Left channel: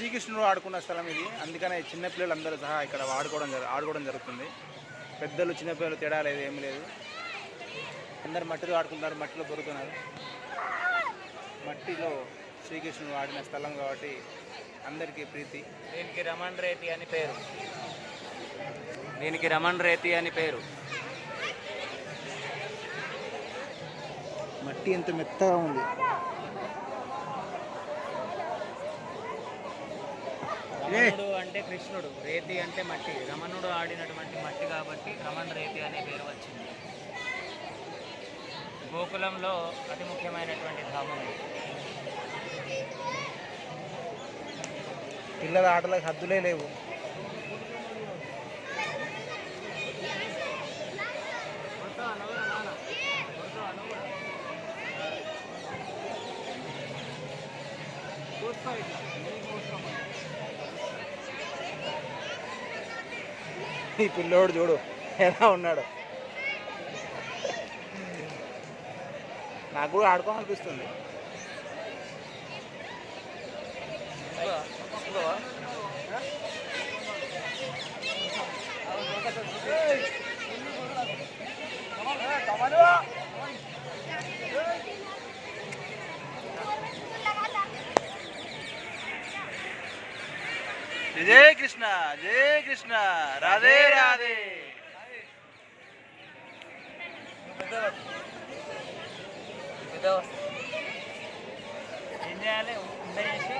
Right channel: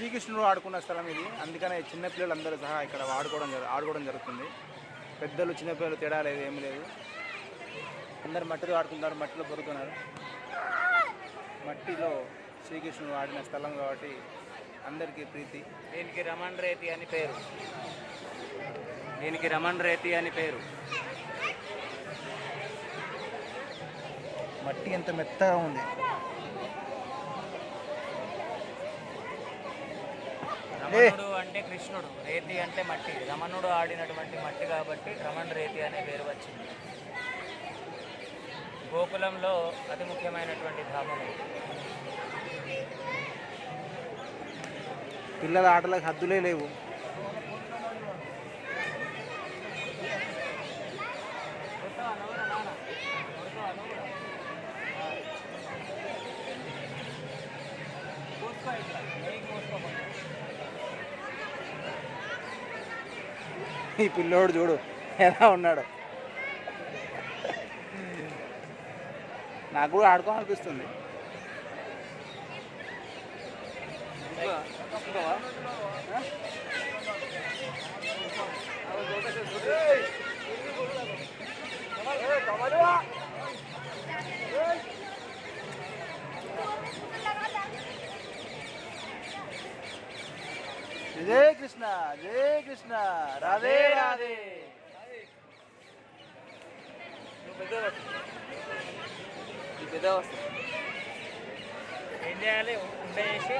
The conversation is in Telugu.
శ్రీకృష్ణుడు ఆడుకున్న స్థలం ఇది. అందుకనే చిన్నపిల్లలు అందరూ సహా ఇక్కడ ఆడుకోవడం జరు ఆడుకోవడం జరుగుతుంది. పెద్దలు చిన్నపిల్లలు తేడా లేదు ఏమీ లేదు. అందరు మట్టిలో ఆడుకుంటారు మట్టిలో పొరుకున్నారు మట్టిలో శ్రీకృష్ణుడు ఆడిన స్థలం కాబట్టి అందరికీ ప్రీతి. దీనికి రమణ్ రేతి అని పేరు. దీనికి రమణ్ రేతి అని పేరు. మట్టి ఎంత మెత్తగా ఉంది. రమణుడు అంటే కృష్ణుడు రేతి అంటే మట్టి. రమణుడు ఆడినటువంటి మట్టి కాబట్టి రమణ రేతి అనే పేరు వచ్చింది. గోకులంలో అతి ముఖ్యమైనటువంటి ధామం పిల్లల ఆటలకు హద్దులే లేవు. ఈ పిల్లోడు చూడు ఎలా ఉన్నాడు నాకు కూడా ఆడుకోవాలనిపిస్తుంది జయ కృష్ణ జయ కృష్ణ రాధే రాధే. ఏం చేయాలి? ఉండ చేసి